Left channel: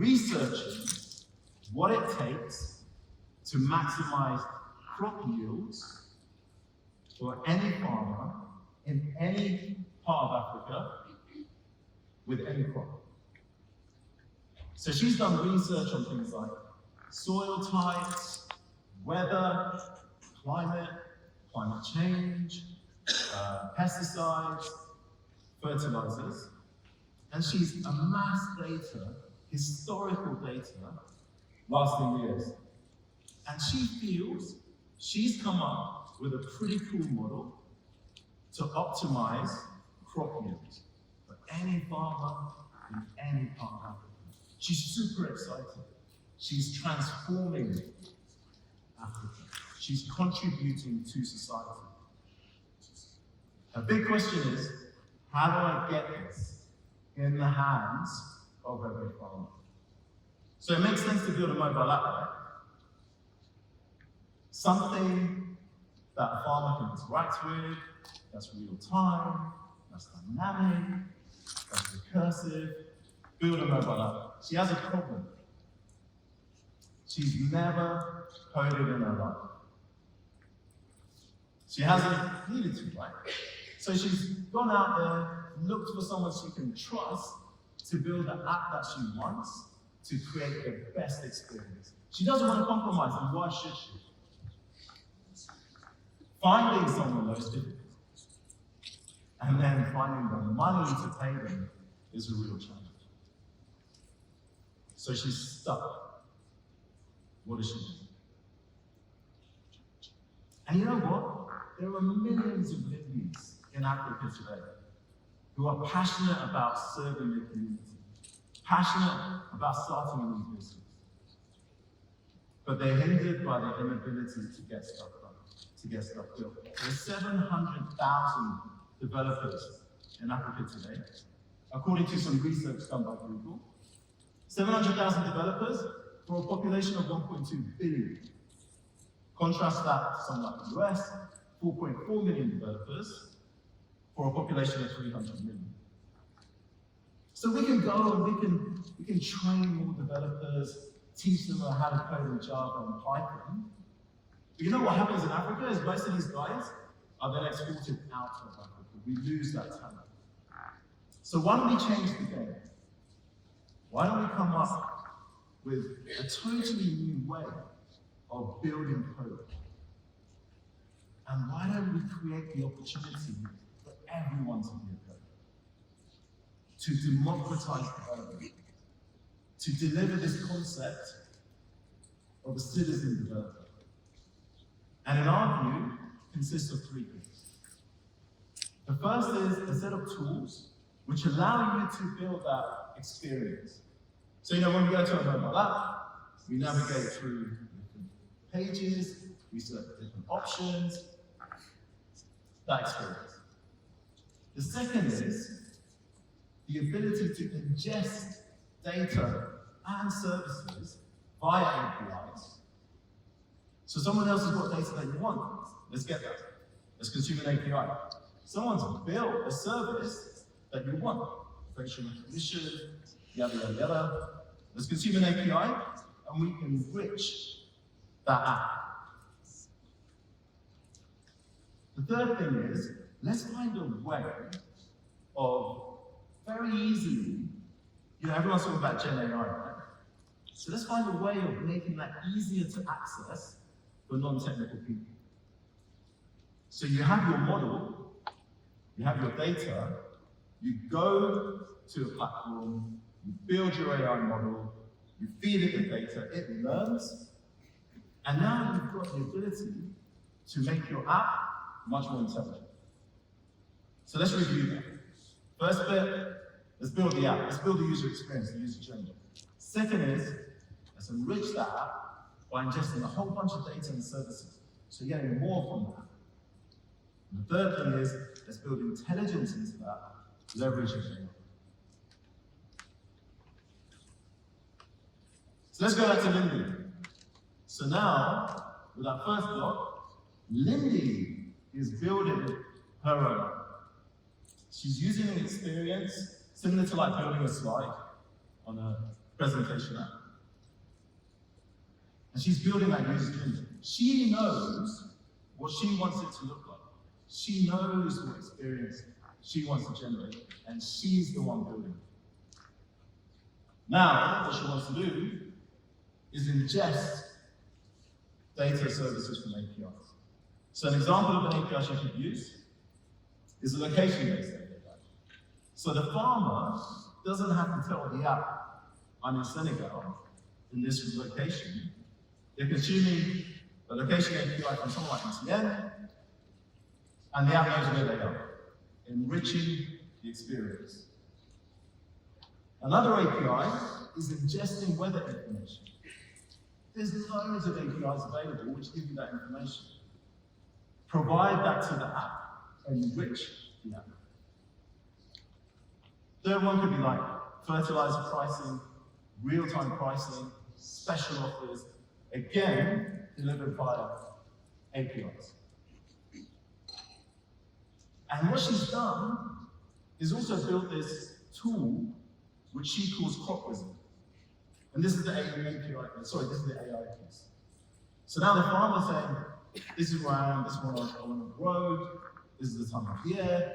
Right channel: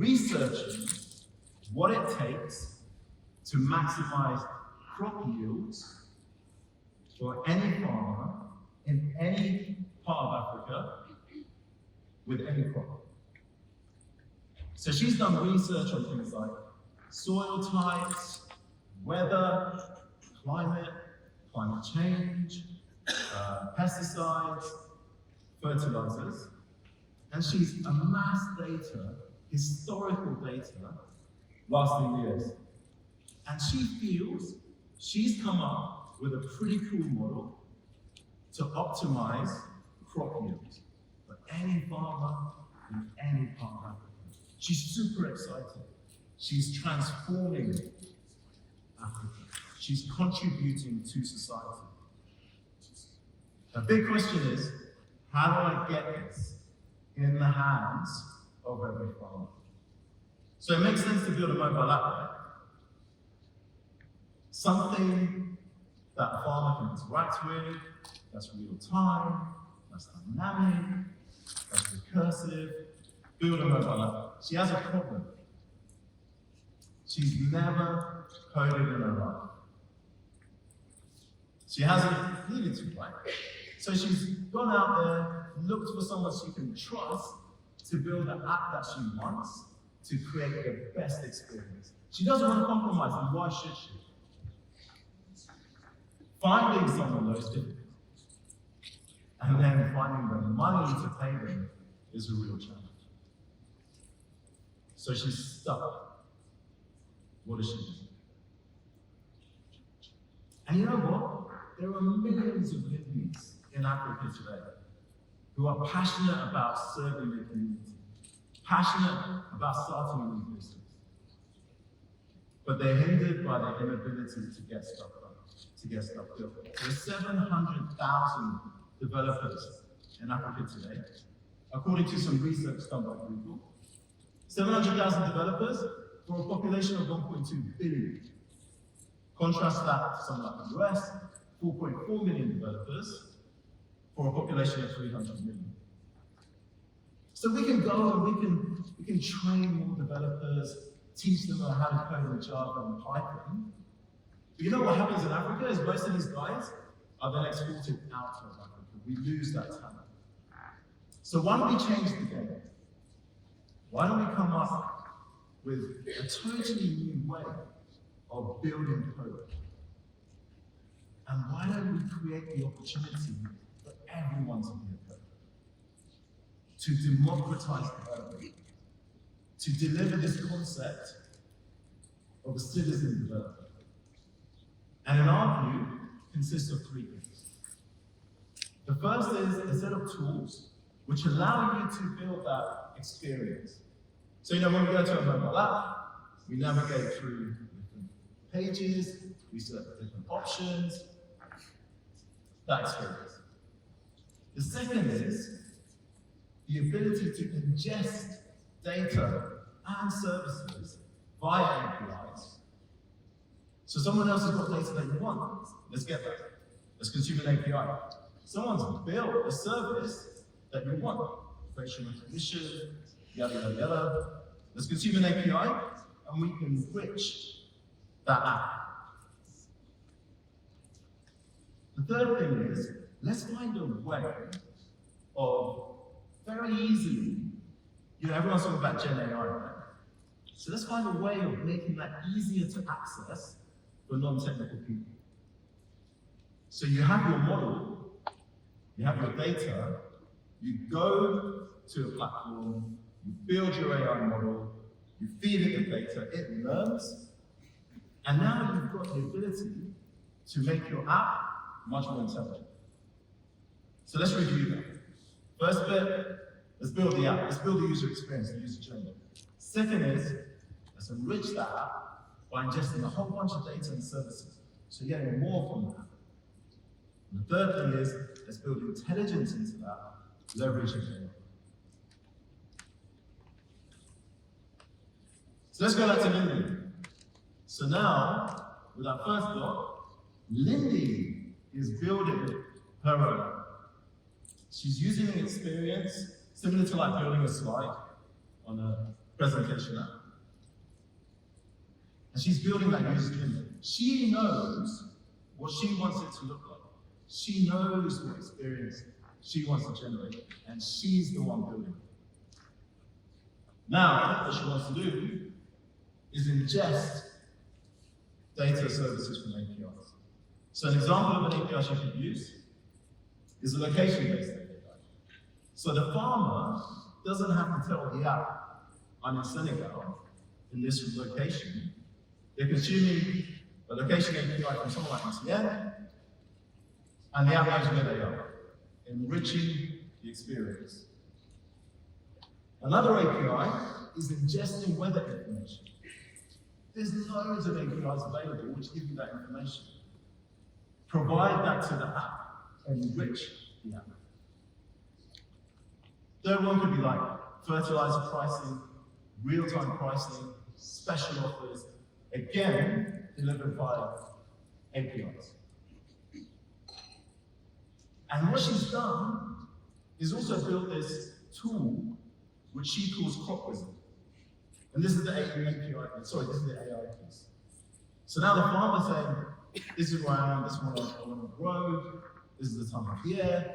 researching what it takes to maximize crop yields for any farmer in any part of Africa with any crop. So she's done research on things like soil types, weather, climate change, pesticides, fertilizers, and she's amassed data, historical data, lasting years. And she feels she's come up with a pretty cool model to optimize crop yield for any farmer in any part of Africa. She's super excited. She's transforming Africa. She's contributing to society. A big question is, how do I get this in the hands of every farmer? So it makes sense to build a mobile app, right? Something that a farmer can interact with, that's real time, that's dynamic, that's recursive. Build a mobile app. She has a problem. She's never coded in her life. She hasn't needed to, right? So she's gone out there, looked for someone she can trust to build the app that she wants to create the best experience. She doesn't want to compromise, and why should she? Finding someone is difficult. And then finding the money to pay them is a real challenge. So she's stuck. What does she do? And you know what? There are millions of Libyans in Africa today who are passionate about serving their community, passionate about starting a new business. But they're hindered by their inability to get stuff done, to get stuff built. There's 700,000 developers in Africa today, according to some research done by Google. 700,000 developers for a population of 1.2 billion. Contrast that to something like the US, 4.4 million developers for a population of 300 million. So we can go and we can train more developers, teach them how to code in Java and Python. But you know what happens in Africa is most of these guys are then exported out of Africa. We lose that talent. So why don't we change the game? Why don't we come up with a totally new way of building code? And why don't we create the opportunity for everyone to be a coder? To democratize code, to deliver this concept of a citizen developer. And in our view, consists of three things. The first is a set of tools which allow you to build that experience. So when we go to a mobile app, we navigate through different pages, we select different options, that experience. The second is the ability to ingest data and services via APIs. So someone else has got data that you want. Let's get that. Let's consume an API. Someone's built a service that you want. Facial recognition, yada, yada, yada. Let's consume an API, and we can enrich that app. The third thing is, let's find a way of very easily, everyone's talking about Gen AI, right? So let's find a way of making that easier to access for non-technical people. So you have your model, you have your data, you go to a platform, you build your AI model, you feed it the data, it learns, and now you've got the ability to make your app much more intelligent. So let's review that. First bit, let's build the app, let's build the user experience, the user journey. Second is, let's enrich that app by ingesting a whole bunch of data and services, so you're getting more from that. And the third thing is, let's build intelligence into that, leveraging AI. So let's go back to Lindy. So now, with our first block, Lindy is building her own. She's using an experience similar to like building a slide on a presentation app. And she's building that user journey. She knows what she wants it to look like. She knows what experience she wants to generate, and she's the one building it. Now, what she wants to do is ingest data services from APIs. So an example of an API she could use is a location-based API. So the farmer doesn't have to tell the app, I'm in Senegal, in this location. They're consuming a location API from someone like MTN, and the app knows where they are, enriching the experience. Another API is ingesting weather information. There's loads of APIs available which give you that information. Provide that to the app, enrich the app. Third one could be like fertilizer pricing, real-time pricing, special offers, again, delivered via APIs. And what she's done is also built this tool which she calls Crop Wizard. And this is the API, sorry, this is the AI piece. So now the farmer's saying, this is where I am, this is where I want to grow, this is the time of year.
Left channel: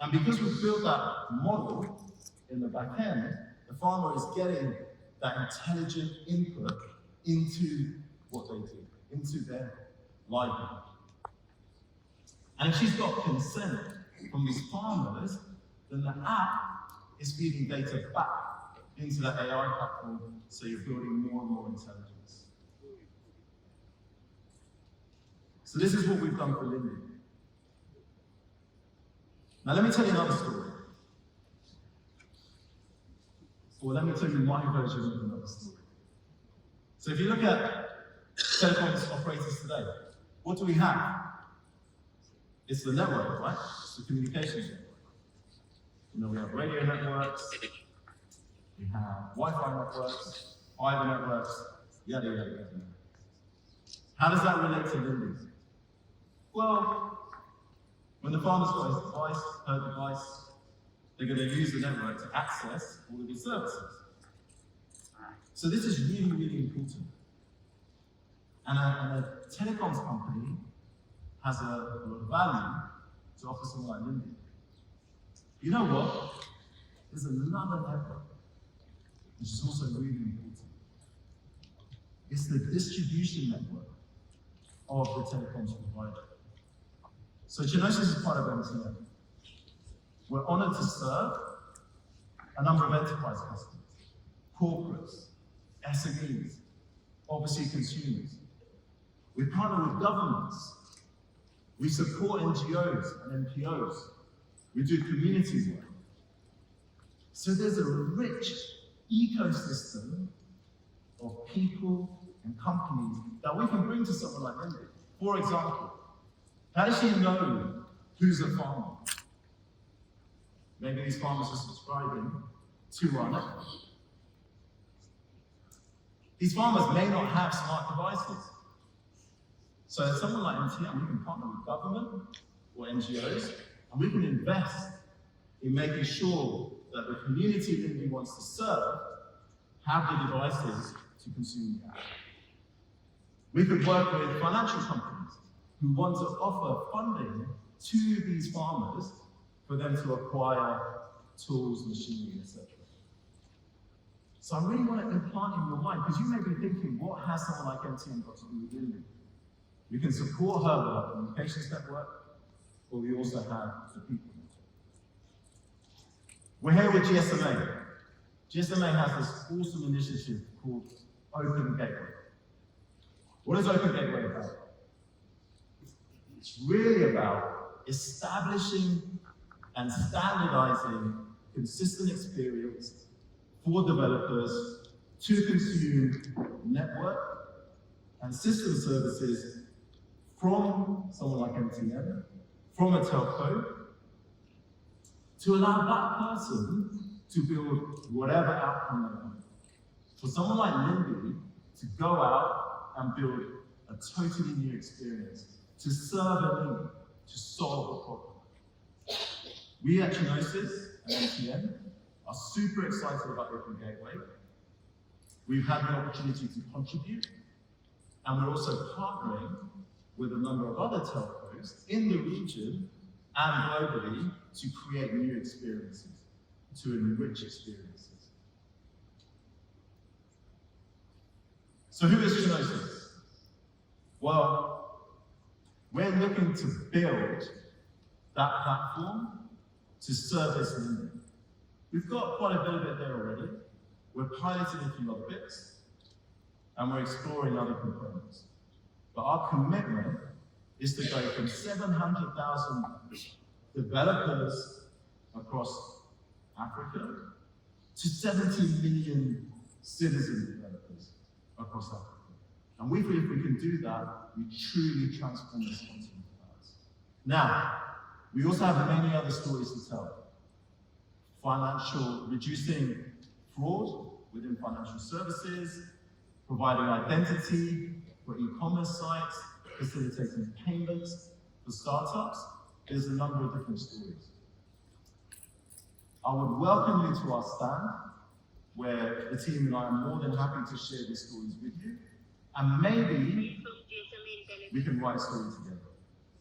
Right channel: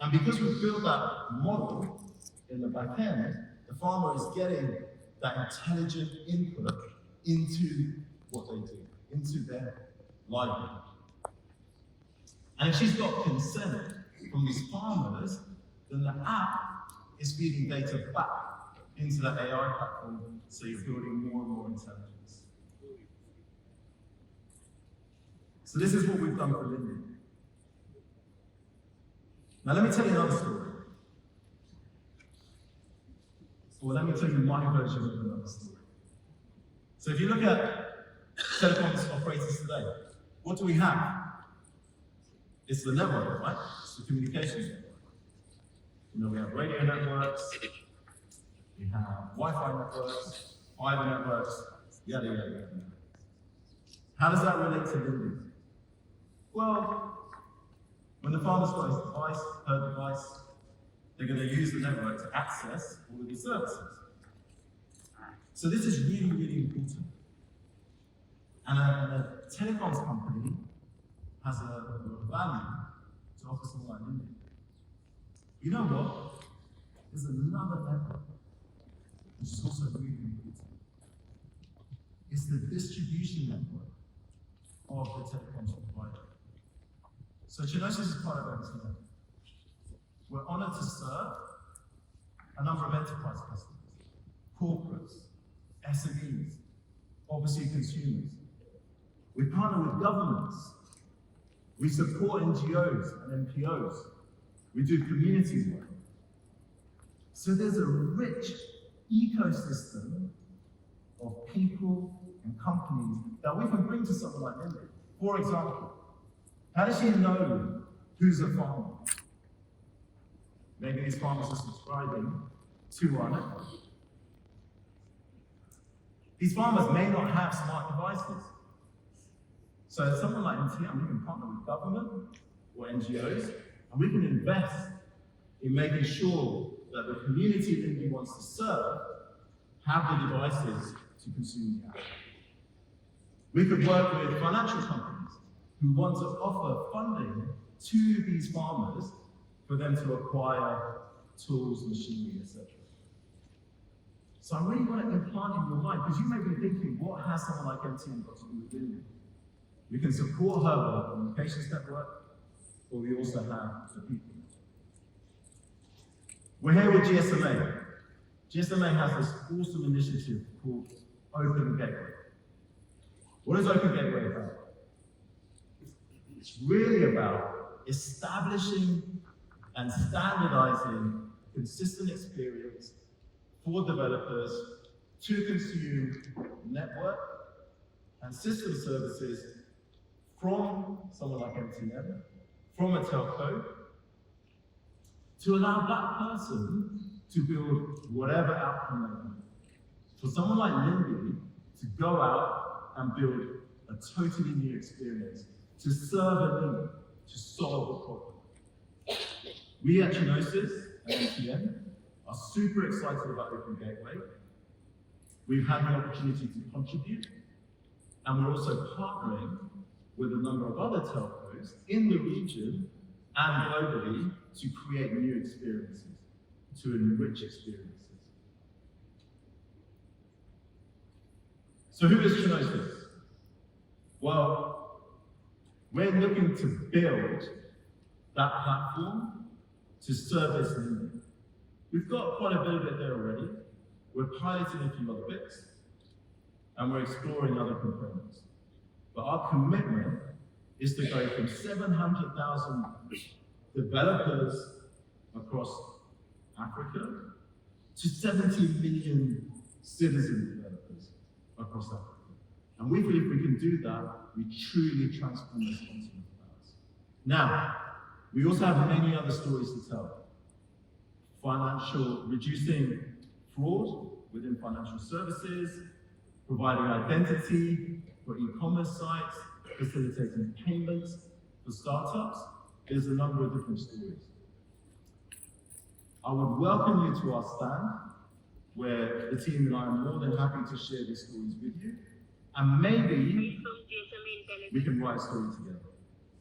And because we've built that model in the back end, the farmer is getting that intelligent input into what they do, into their livelihood. And if she's got consent from these farmers, then the app is feeding data back into that AI platform, so you're building more and more intelligence. So this is what we've done for Lindy. Now let me tell you another story. Well, let me tell you my version of another story. So if you look at Telecom's operators today, what do we have? It's the network, right? It's the communication network. You know, we have radio networks, we have Wi-Fi networks, fiber networks, yada, yada, yada. How does that relate to Lindy? Well, when the farmer's got his device, her device, they're going to use the network to access all of these services. So this is really, really important. And a telecoms company has a lot of value to offer someone like Lindy. You know what? There's another network, which is also really important. It's the distribution network of the telecoms provider. So Chenosis is part of MTN. We're honored to serve a number of enterprise customers, corporates, SMEs, obviously consumers. We partner with governments. We support NGOs and NPOs. We do community work. So there's a rich ecosystem of people and companies that we can bring to someone like Lindy. For example, how does she know who's a farmer? Maybe these farmers are subscribing to our network. These farmers may not have smart devices. So as someone like MTN, we can partner with government or NGOs, and we can invest in making sure that the community Lindy wants to serve have the devices to consume the app. We could work with financial companies who want to offer funding to these farmers for them to acquire tools, machinery, etc. So I really want to implant in your mind, because you may be thinking, what has someone like MTN got to do with Lindy? We can support her work on the patients network, but we also have the people. We're here with GSMA. GSMA has this awesome initiative called Open Gateway. What is Open Gateway about? It's really about establishing and standardizing consistent experience for developers to consume network and system services from someone like MTN, from a telco, to allow that person to build whatever outcome they want. For someone like Lindy to go out and build a totally new experience, to serve a need, to solve a problem. We at Chenosis and MTN are super excited about Open Gateway, we've had the opportunity to contribute, and we're also partnering with a number of other telcos in the region and globally to create new experiences, to enrich experiences. So who is Chenosis? Well, we're looking to build that platform to service need. We've got quite a bit of it there already. We're piloting a few other bits, and we're exploring other components. But our commitment is to go from 700,000 developers across Africa to 70 million citizen developers across Africa. And we believe we can do that, we truly transform this continent. Now, we also have many other stories to tell. Reducing fraud within financial services, providing identity for e-commerce sites, facilitating payments for startups. There's a number of different stories. I would welcome you to our stand, where the team and I are more than happy to share these stories with you, and maybe we can write a story together.